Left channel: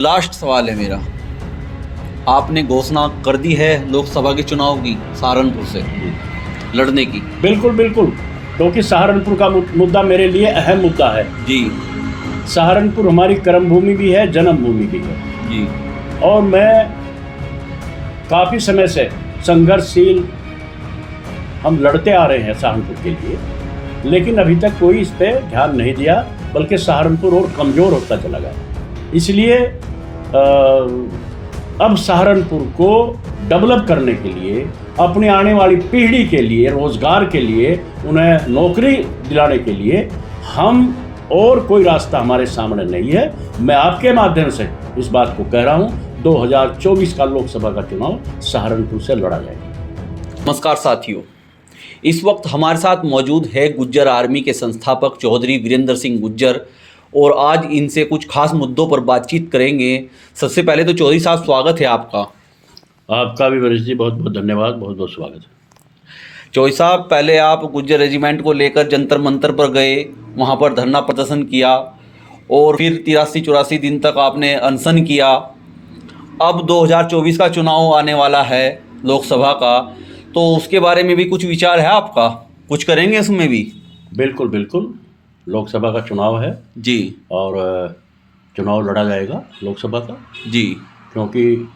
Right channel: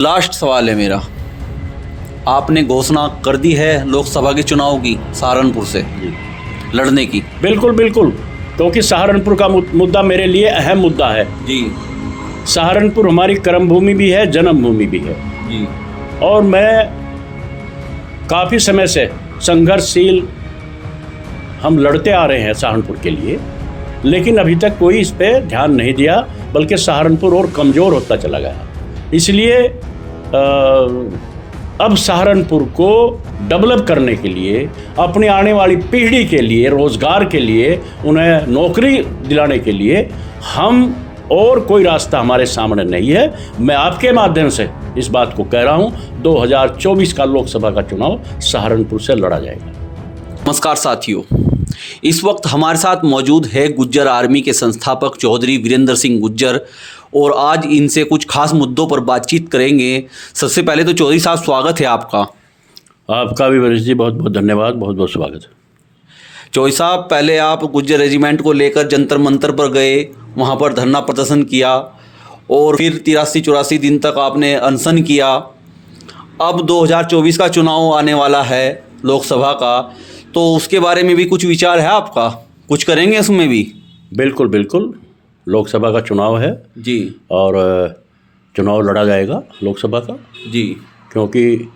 Last सवाल है मेरा। आपने घोषणा कर दी है लोकसभा के चुनाव की सहारनपुर से लड़ने की? बिल्कुल बिल्कुल, क्योंकि सहारनपुर का मुद्दा मेरे लिए अहम मुद्दा है जी सहारनपुर हमारी कर्मभूमि भी है, जन्मभूमि भी है जी। और मैं काफ़ी समय से संघर्षशील हम लड़ते आ रहे हैं सहारनपुर के लिए, लेकिन अभी तक कोई इस पे ध्यान नहीं दिया, बल्कि सहारनपुर और कमज़ोर होता चला गया। इसलिए अब सहारनपुर को डेवलप करने के लिए, अपनी आने वाली पीढ़ी के लिए, रोज़गार के लिए, उन्हें नौकरी दिलाने के लिए हम और कोई रास्ता हमारे सामने नहीं है। मैं आपके माध्यम से इस बात को कह रहा हूं, 2024 का लोकसभा का चुनाव सहारनपुर से लड़ा जाएगा। नमस्कार साथियों, इस वक्त हमारे साथ मौजूद है गुज्जर आर्मी के संस्थापक चौधरी वीरेंद्र सिंह गुज्जर और आज इनसे कुछ खास मुद्दों पर बातचीत करेंगे। सबसे पहले तो चौधरी साहब स्वागत है आपका। आपका भी वरिष्ठ जी बहुत बहुत धन्यवाद, बहुत बहुत स्वागत है। चौधरी साहब, पहले आप गुज्जर रेजिमेंट को लेकर जंतर मंतर पर गए, वहाँ पर धरना प्रदर्शन किया और फिर 83-84 दिन तक आपने अनशन किया। अब 2024 का चुनाव आने वाला है लोकसभा का, तो उसके बारे में भी कुछ विचार है आपका? कुछ करेंगे उसमें भी? बिल्कुल बिल्कुल, लोकसभा का चुनाव है जी, और चुनाव लड़ा जाएगा लोकसभा का जी क्योंकि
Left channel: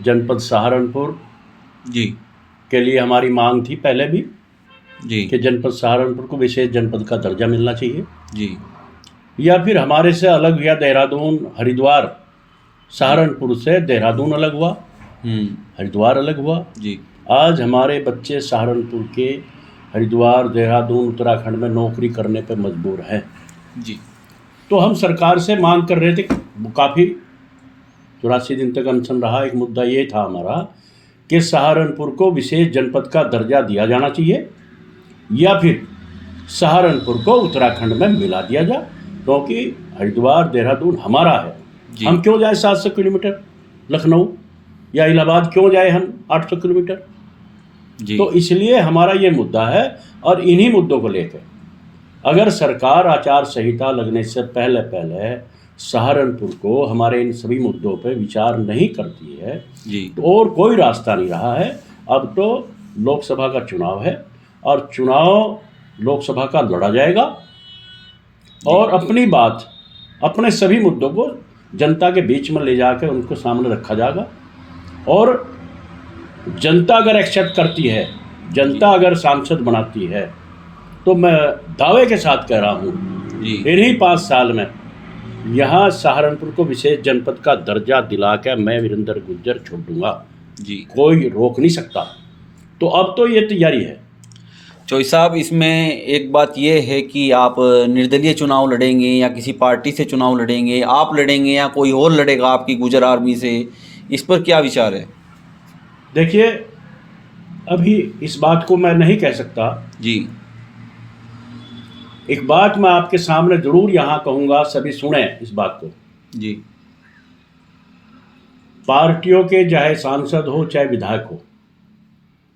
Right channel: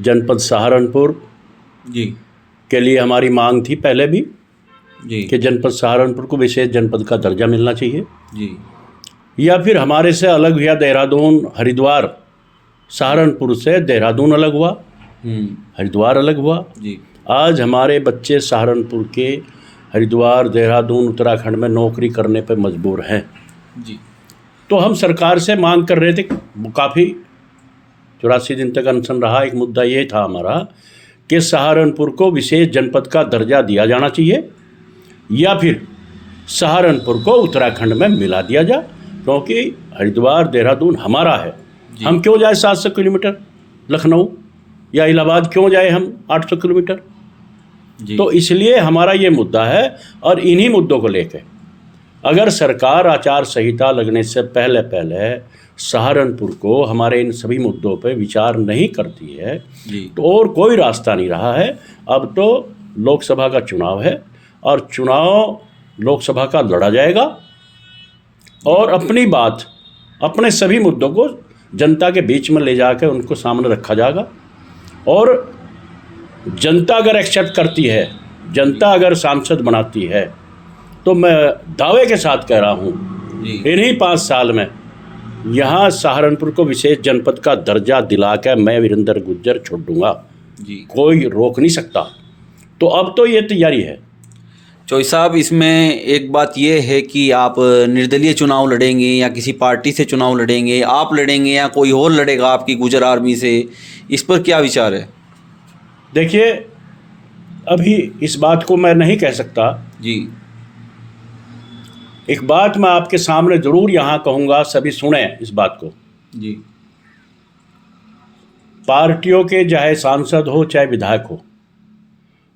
जनपद सहारनपुर जी के लिए हमारी मांग थी पहले भी जी कि जनपद सहारनपुर को विशेष जनपद का दर्जा मिलना चाहिए, जी या फिर हमारे से अलग हुआ देहरादून हरिद्वार। सहारनपुर से देहरादून अलग हुआ, हरिद्वार अलग हुआ। जी आज हमारे बच्चे सहारनपुर के हरिद्वार, देहरादून, उत्तराखंड में नौकरी करने पर मजबूर हैं जी। तो हम सरकार से मांग कर रहे थे, काफ़ी 84 दिन तक अनशन रहा। एक मुद्दा ये था हमारा कि सहारनपुर को विशेष जनपद का दर्जा दिया जाना चाहिए या फिर सहारनपुर को उत्तराखंड में मिला दिया जाए, क्योंकि हरिद्वार, देहरादून हमारा है। हम क्यों जाए 700 किलोमीटर लखनऊ या इलाहाबाद, क्यों जाए हम 800 किलोमीटर? तो इसलिए हमारा ये मुद्दा है और इन्हीं मुद्दों को लेकर अगर सरकार आचार संहिता लगने से पहले सहारनपुर को हमारे इन सभी मुद्दों पर विचार नहीं करती है तो और कोई रास्ता नहीं रहा है। अब तो लोकसभा का चुनाव है और चुनाव लोकसभा का लड़ा जाएगा और अपनी बात, अपने सभी मुद्दों को जनता के बीच में ले जाकर उनको सामने रखा जाएगा और जनता अगर एक्सेप्ट करती है, जनता अगर सांसद बनाती है, तो मैं दावे के साथ कह रहा हूँ इन्हीं 5 साल में यहाँ सहारनपुर को विशेष जनपद का दर्जा दिलाकर मैं वीरेंद्र गुज्जर छोड़ दूंगा जी, कोई रोक नहीं सकता। तो अब तो ये तैयारी है। चौधरी साहब, इसमें एक बात ये है कि आप निर्दलीय चुनाव लड़ेंगे या किसी पार्टी से चुनाव लड़ेंगे, आप लड़ेंगे या कोई और लड़ेगा आपकी गुज्जर आर्मी से, इस पर क्या विचार है? देखिए, अभी इस बात को मैं नहीं कह सकता जी। एक बात मैं आपके सामने जरूर यहाँ कहूँगा, सभी सुने इस बात को जी। पार्टियों के चाहे सांसद हो चाहे विधायक हो,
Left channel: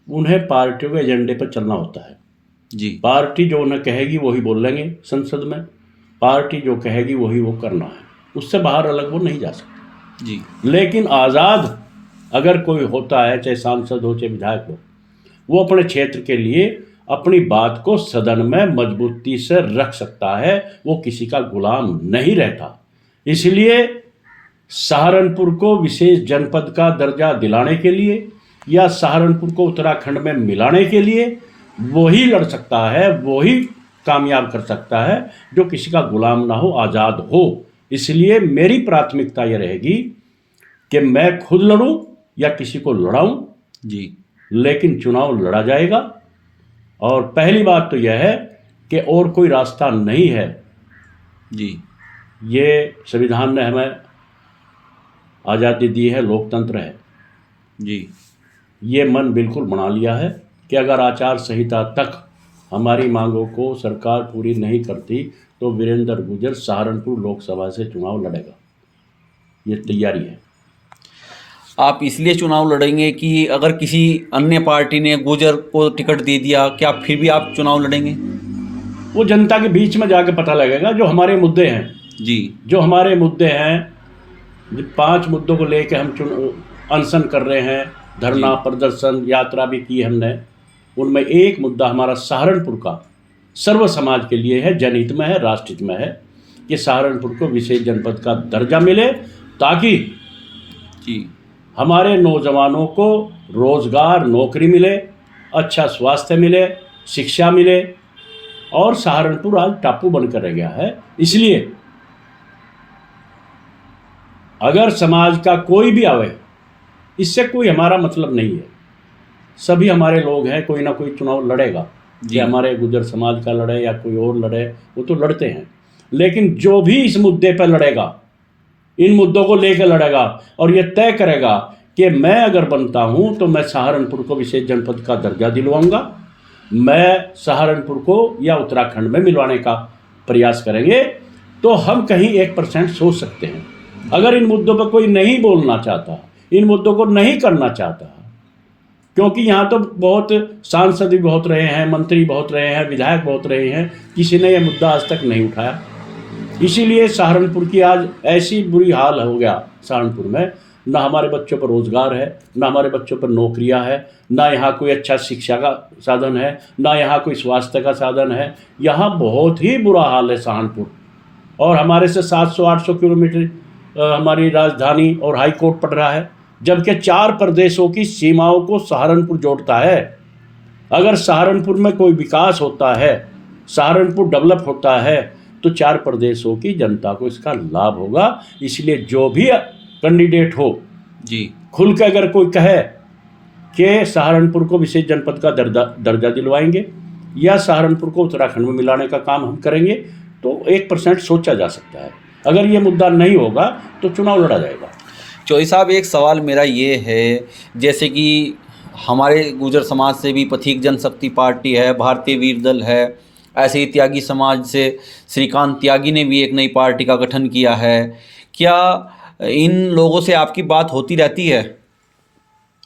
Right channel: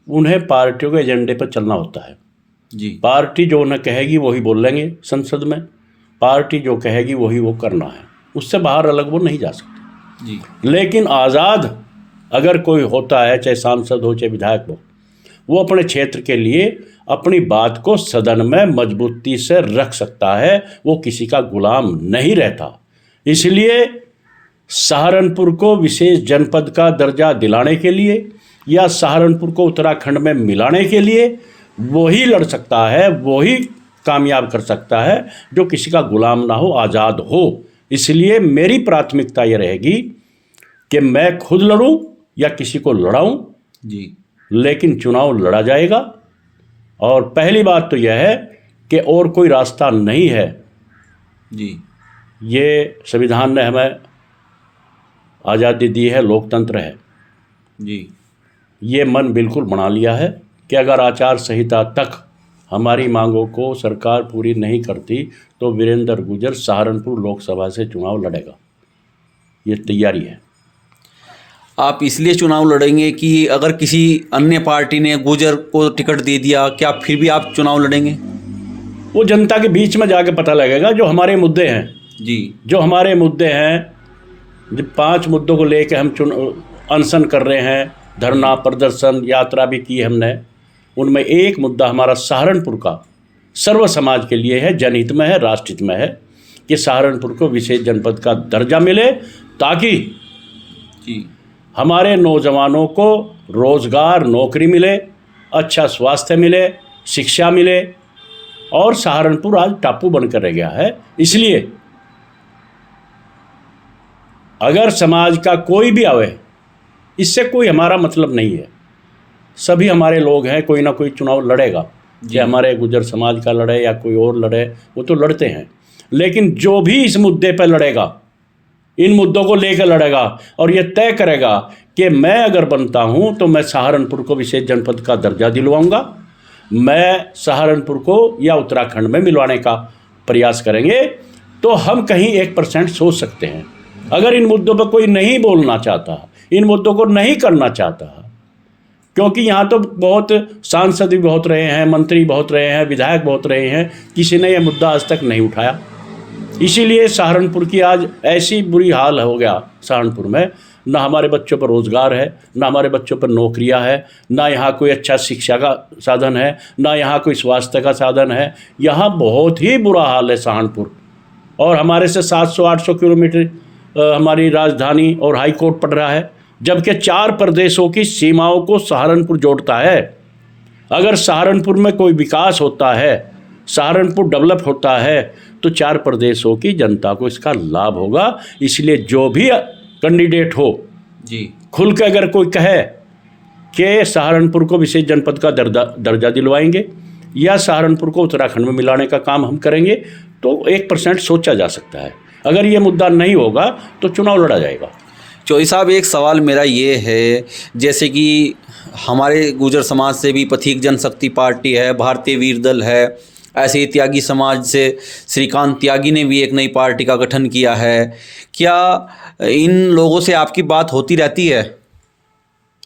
उन्हें पार्टियों के एजेंडे पर चलना होता है जी। पार्टी जो उन्हें कहेगी वही बोलेंगे संसद में, पार्टी जो कहेगी वही वो करना है, उससे बाहर अलग वो नहीं जा सकते जी। लेकिन आज़ाद अगर कोई होता है, चाहे सांसद हो चाहे विधायक हो, वो अपने क्षेत्र के लिए अपनी बात को सदन में मजबूती से रख सकता है, वो किसी का गुलाम नहीं रहता। इसलिए सहारनपुर को विशेष जनपद का दर्जा दिलाने के लिए या सहारनपुर को उत्तराखंड में मिलाने के लिए वही लड़ सकता है, वही कामयाब कर सकता है जो किसी का गुलाम ना हो, आज़ाद हो। इसलिए मेरी प्राथमिकता ये रहेगी कि मैं खुद लड़ूं या किसी को लड़ाऊं जी, लेकिन चुनाव लड़ा जाएगा। और पहली बात तो यह है कि और कोई रास्ता नहीं है जी। ये संविधान ने हमें आज़ादी दी है, लोकतंत्र है जी। ये मन बिल्कुल बना लिया है कि अगर आचार संहिता तक हमारी मांगों को सरकार पूरी नहीं करती तो वीरेंद्र गुज्जर सहारनपुर लोकसभा से चुनाव लड़ेगा। ये तैयारी है। आप इसलिए चुनाव लड़ेंगे कि अगर किसी अन्य पार्टी ने गुज्जर को टिकट दे दिया, क्या फिर भी आप चुनाव लड़ेंगे? वो जनता के बीच में जाके पता लगेगा। जो हमारे मुद्दे हैं जी, जो हमारे मुद्दे हैं जब 5 मुद्दों को लेकर हम अनशन कर रहे हैं, धरना प्रदर्शन यात्रा भी की हमने, उनमें एक मुद्दा हमारा सहारनपुर का सर्व समाज के लिए है, जनहित में है, राष्ट्रहित में है कि सहारनपुर को विशेष जनपद का दर्जा मिले, ताकि जी हमारे नौजवानों को रोजगार, नौकरी मिले, अच्छा स्वास्थ्य मिले, शिक्षा मिले। और सहारनपुर आज टापू बनकर रह गया है। इसलिए अगर समाज का कोई भी आवे, इससे कोई हमारा मतलब नहीं है, सभी हमारे लोग हैं, कोई ना कोई चुनाव लड़ेगा, कि हमारे गुर्जर समाज का लड़े या कोई और लड़े, वो तो लड़ते हैं। लेकिन जो भी इस मुद्दे पर लड़ेगा, इन मुद्दों को लेकर लड़ेगा और ये तय करेगा कि मैं अगर बनता हूं तो मैं सहारनपुर को विशेष जनपद का दर्जा दिलवाऊंगा, मैं सहारनपुर को या उत्तराखंड में मिलवाने का प्रयास करेंगे, तो हम कहीं 1% सोच सकते हैं। अगर इन मुद्दों पर कोई नहीं बोलना चाहता, इन मुद्दों को नहीं करना चाहता, क्योंकि यहाँ तो बहुत सांसद भी बहुत रहे हैं, मंत्री बहुत रहे हैं, विधायक बहुत रहे हैं, किसी ने यह मुद्दा आज तक नहीं उठाया। इसीलिए सहारनपुर की आज ऐसी बुरी हाल हो गया सहारनपुर में, ना हमारे बच्चों पर रोज़गार है, ना हमारे बच्चों पर नौकरियां है, ना यहाँ कोई अच्छा शिक्षा का साधन है, ना यहाँ कोई स्वास्थ्य का साधन है। यहाँ बहुत ही बुरा हाल है सहारनपुर। और हमारे से 700-800 किलोमीटर हमारी राजधानी और हाई कोर्ट पड़ रहा है, जबकि 4 प्रदेशों की सीमाओं को सहारनपुर जोड़ता है। अगर सहारनपुर में कोई विकास होता है, सहारनपुर डेवलप होता है, तो 4 प्रदेशों की जनता को इसका लाभ होगा। इसलिए जो भी कैंडिडेट हो जी, खुल के अगर कोई कहे कि सहारनपुर को विशेष जनपद का दर्जा दिलवाएंगे या सहारनपुर को उत्तराखंड में मिलाने का काम हम करेंगे, तो 1% सोचा जा सकता है। अगर ये मुद्दा नहीं होगा तो चुनाव लड़ा जाएगा। चौधरी साहब, एक सवाल मेरा ये है, जैसे कि हमारे गुर्जर समाज से भी पथिक जनशक्ति पार्टी है, भारतीय वीर दल है, ऐसे ही त्यागी समाज से श्रीकांत त्यागी ने भी एक नई पार्टी का गठन किया है। क्या इन लोगों से आपकी बात होती रहती है?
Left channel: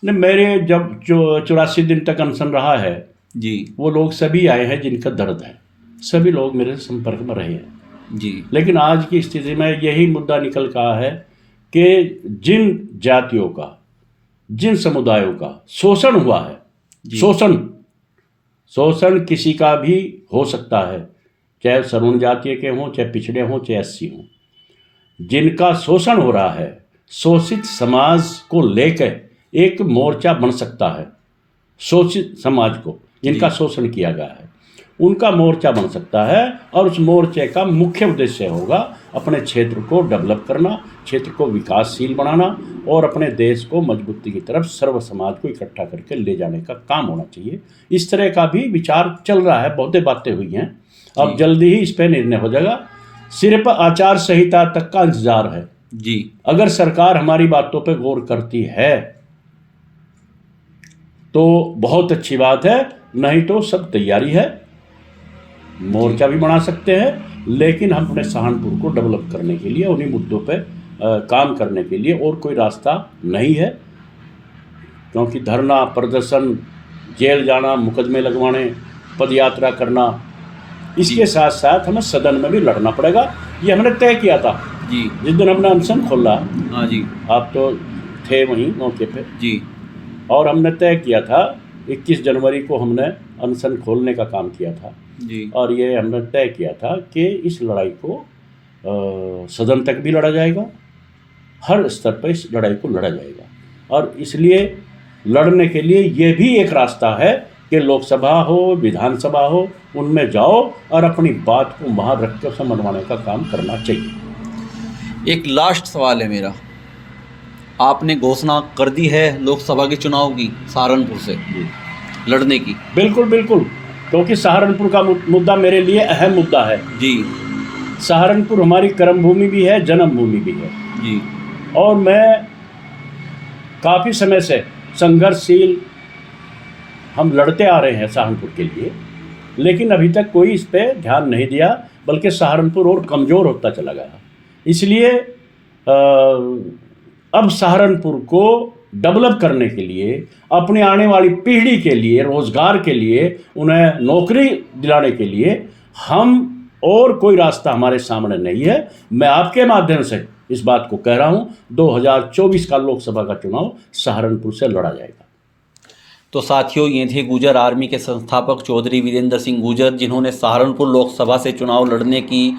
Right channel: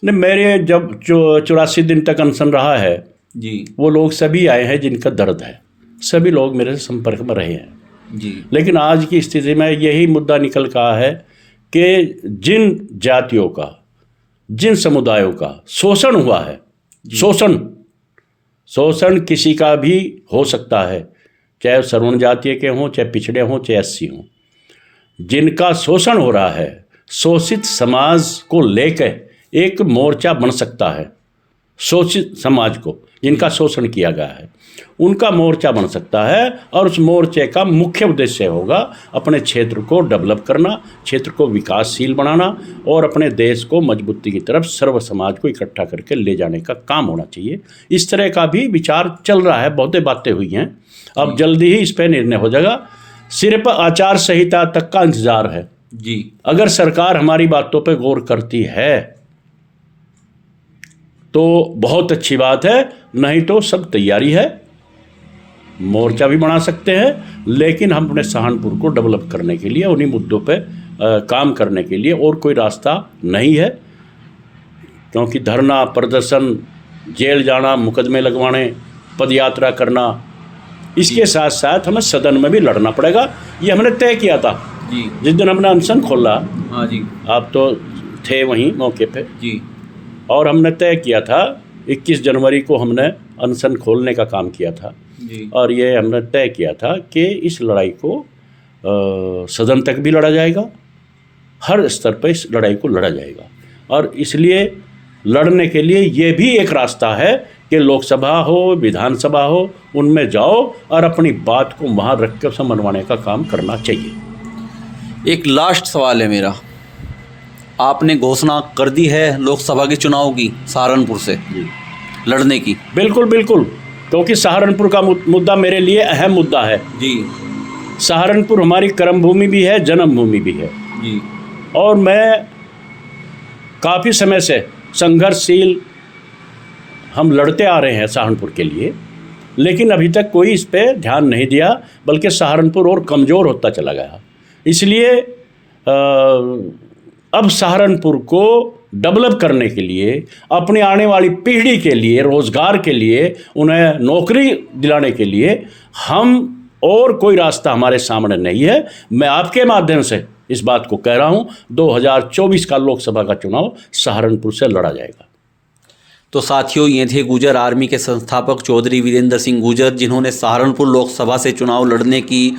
नहीं, मेरे जब 84 दिन तक अनशन रहा है जी, वो लोग सभी आए हैं जिनका दर्द है, सभी लोग मेरे संपर्क में रहे हैं जी। लेकिन आज की स्थिति में यही मुद्दा निकल का है कि जिन जातियों का, जिन समुदायों का शोषण हुआ है, शोषण किसी का भी हो सकता है, चाहे सवर्ण जातीय के हों, चाहे पिछड़े हों, चाहे एससी हों, जिनका शोषण हो रहा है, शोषित समाज को लेकर एक मोर्चा बन सकता है। शोषित समाज को, जिनका शोषण किया गया है, उनका मोर्चा बन सकता है। और उस मोर्चे का मुख्य उद्देश्य होगा अपने क्षेत्र को डेवलप करना, क्षेत्र को विकासशील बनाना और अपने देश को मजबूती की तरफ सर्व समाज को इकट्ठा करके ले जाने का काम होना चाहिए। इस तरह का भी विचार चल रहा है, बहुत बातें हुई हैं, अब जल्दी ही इस पर निर्णय हो जाएगा। सिर्फ आचार संहिता तक का इंतजार है जी। अगर सरकार हमारी बातों पर गौर करती है तो बहुत अच्छी बात है, नहीं तो सब तैयारी है, मोर्चा भी बना सकते हैं। लेकिन हम अपने सहारनपुर को डेवलप करने के लिए, उन्हीं मुद्दों पे काम करने के लिए और कोई रास्ता नहीं है, क्योंकि धरना प्रदर्शन, जेल जाना, मुकदमे लगवाने, पदयात्रा करना, इसके साथ साथ हमें सदन में भी लड़ना पड़ेगा। ये हमने तय किया था जी, जिस दिन हमने अनशन खोला। हाँ जी, आप तो थे वहीं मौके पे जी और हमने तय किया था 21 जनवरी को हमने अनशन खोलने का काम किया था जी। और ये हमने तय किया था कि इस लड़ाई को सदन तक भी लड़ा जाएगा, हर स्तर पर इस लड़ाई को लड़ा जाएगा। और इसलिए लड़ने के लिए ये भी एक रास्ता है कि लोकसभा हो, विधानसभा हो, उनमें जाओ और अपनी बात को वहाँ रख के मनवाने का काम करना चाहिए। एक लास्ट सवाल है मेरा, आपने घोषणा कर दी है लोकसभा के चुनाव की सहारनपुर से लड़ने की? बिल्कुल बिल्कुल, क्योंकि सहारनपुर का मुद्दा मेरे लिए अहम मुद्दा है जी। सहारनपुर हमारी कर्मभूमि भी है, जन्मभूमि भी है जी। और मैं काफ़ी समय से संघर्षशील हम लड़ते आ रहे हैं सहारनपुर के लिए, लेकिन अभी तक कोई इस पे ध्यान नहीं दिया, बल्कि सहारनपुर और कमज़ोर होता चला गया। इसलिए अब सहारनपुर को डेवलप करने के लिए, अपनी आने वाली पीढ़ी के लिए, रोज़गार के लिए, उन्हें नौकरी दिलाने के लिए हम और कोई रास्ता हमारे सामने नहीं है। मैं आपके माध्यम से इस बात को कह रहा हूं, 2024 का लोकसभा का चुनाव सहारनपुर से लड़ा जाएगा। तो साथियों, ये थे गुजर आर्मी के संस्थापक चौधरी वीरेंद्र सिंह गुजर, जिन्होंने सहारनपुर लोकसभा से चुनाव लड़ने की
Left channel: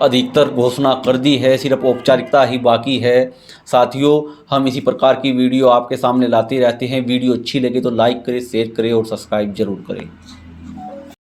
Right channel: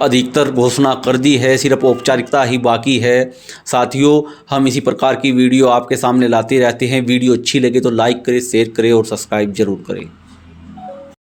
अधिकतर घोषणा कर दी है, सिर्फ औपचारिकता ही बाकी है। साथियों, हम इसी प्रकार की वीडियो आपके सामने लाते रहते हैं। वीडियो अच्छी लगे तो लाइक करें, शेयर करें और सब्सक्राइब जरूर करें।